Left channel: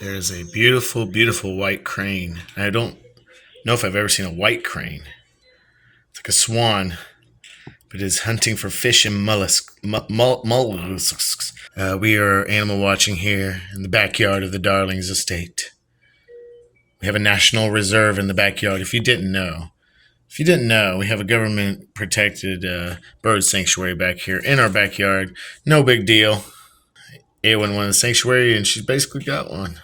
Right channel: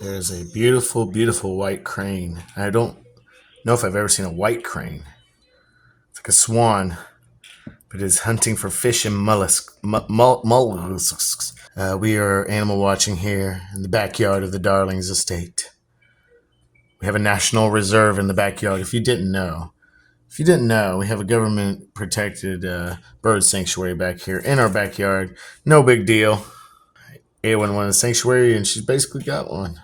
There's a beautiful, beautiful white crane. I don't know if I've ever seen a white crane. It's like a swan, but it is hunting for fish and mollusks. We are animal watching here in the backyard of the Darlings estate. We have a national reserve in the backyard. If you didn't know, we have a government-protected bird sanctuary back here in our backyard. No big deal. Eowyn wanted a sanctuary, and she's basically got one.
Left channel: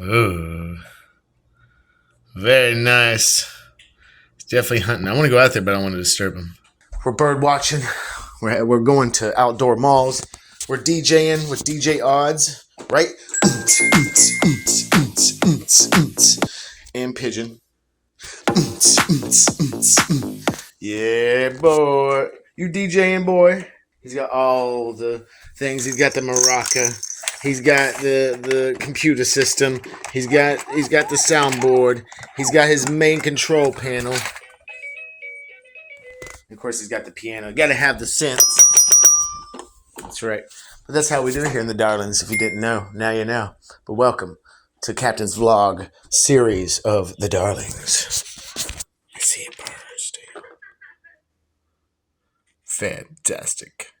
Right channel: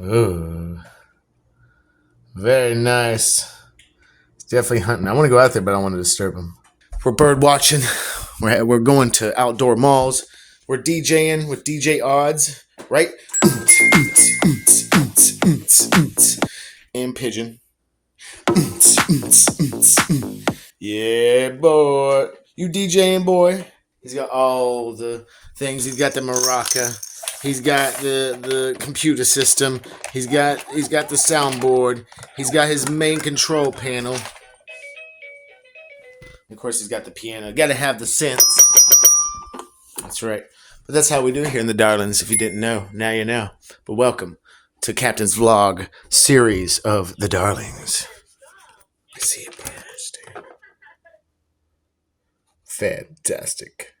Oh, very nice. He's definitely hunting. I want to go out there, but I don't want to disturb him. We're bird watching. We're going to outdoor malls. We're DJing with DJ Odds, right? And pigeon. Yeah, boy. You DJing, boy? He's got all the things. He's got the maraca. He's got the computer system. He's got the soundboard. He's got his main control panel. Of course, he's got the piano. Got to have the synths. That's right. But that's how we do it here in the Darlings. If you didn't know, now you know. But welcome to Captain's Vlog series of the Darlings. I see a bird, dude. Fantastic.